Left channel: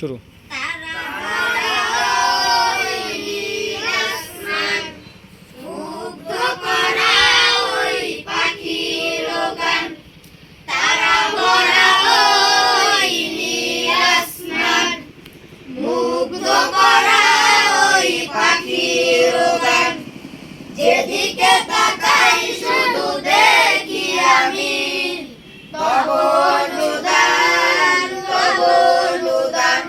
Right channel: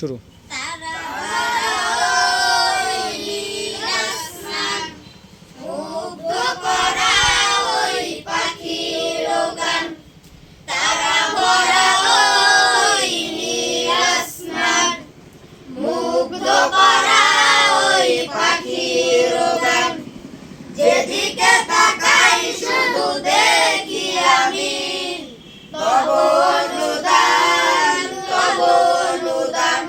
শুরু। যেদিকে তাকাই শুধু দেখি আমি তব অনুদান, তব অনুদান,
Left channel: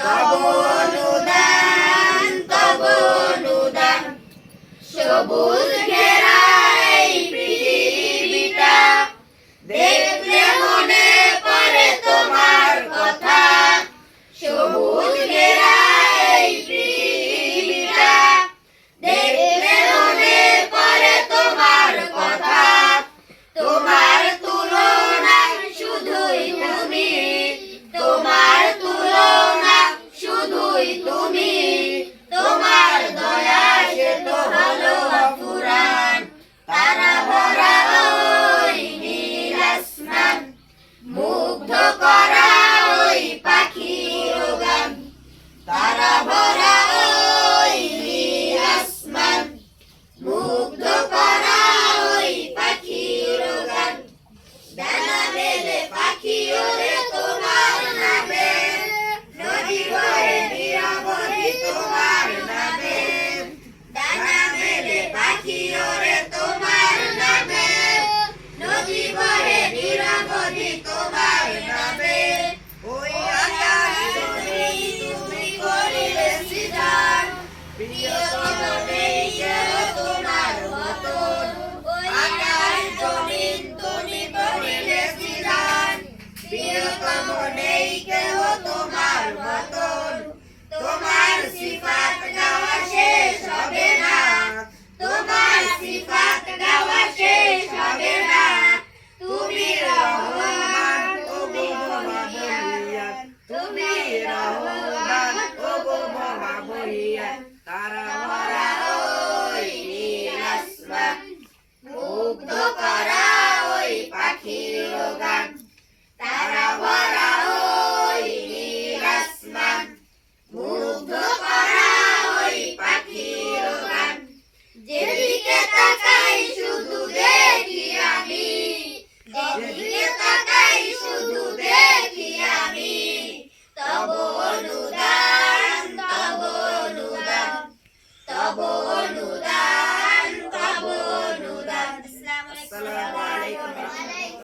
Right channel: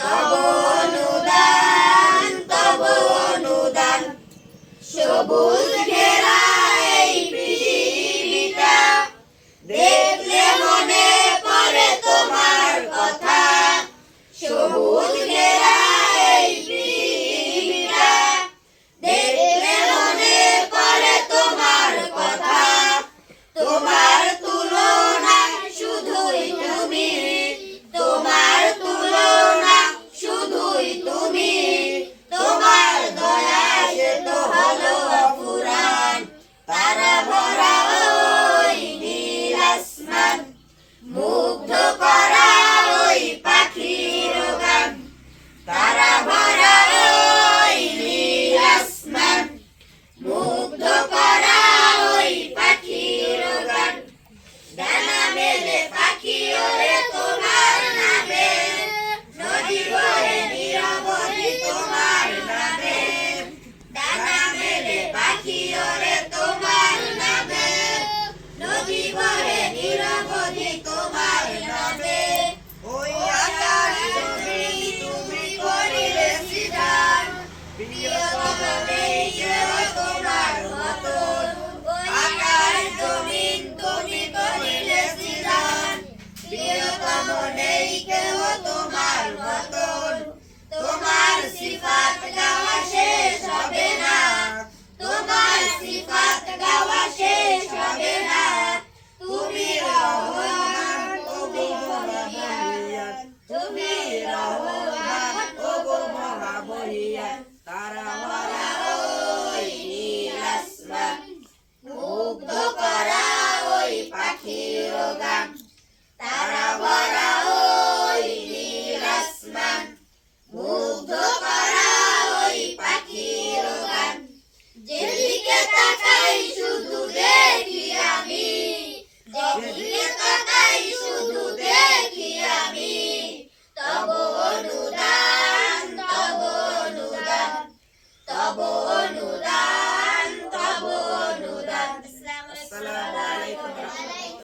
তব অনুদান, তব অনুদান। সবুজ ঘেরা এই পৃথিবীটা দেখলে মনে পড়ে তোমার কথা। সবুজ ঘেরা এই পৃথিবীটা দেখলে মনে পড়ে তোমার কথা। তোমার তুলনা শুধুই তুমি, তোমার তুলনা শুধুই তুমি। তোমার দয়া সে তো হলো অফুরান। তারা ভরা ওই নীল আসমান, মুগ্ধ করা ওই পাখির গান। তারা ভরা ওই নীল আসমান, মুগ্ধ করা ওই পাখির গান। ডানা মেলে পাখি ওরে তোমার নামে, নদী বহে নিরবধি তোমার নামে। ডানা মেলে পাখি ওরে তোমার নামে, নদী বহে নিরবধি তোমার নামে। ওই আকাশ জমি তুমি করিলে সৃজন, প্রিয়তম নেই কেউ তোমার মতন। আকাশ জমিন তুমি করিলে সৃজন, প্রিয়তম নেই কেউ তোমার মতন। তোমার সিফাত গাওয়া শেষ হবে না, তোমার সিফাত গাওয়া শেষ হবে না। তুমি রহমান ও গো মহাবলিয়ান, তুমি রহমান ও গো মহাবলিয়ান। তারা ভরা ওই নীল আসমান, মুগ্ধ করা ওই পাখির গান। তারা ভরা ওই নীল আসমান, মুগ্ধ করা ওই পাখির গান। যেদিকে তাকাই শুধু দেখি আমি, যেদিকে তাকাই শুধু দেখি আমি তব অনুদান, তব অনুদান, তব অনুদান, তব অনুদান। আসসালামু আলাইকুম।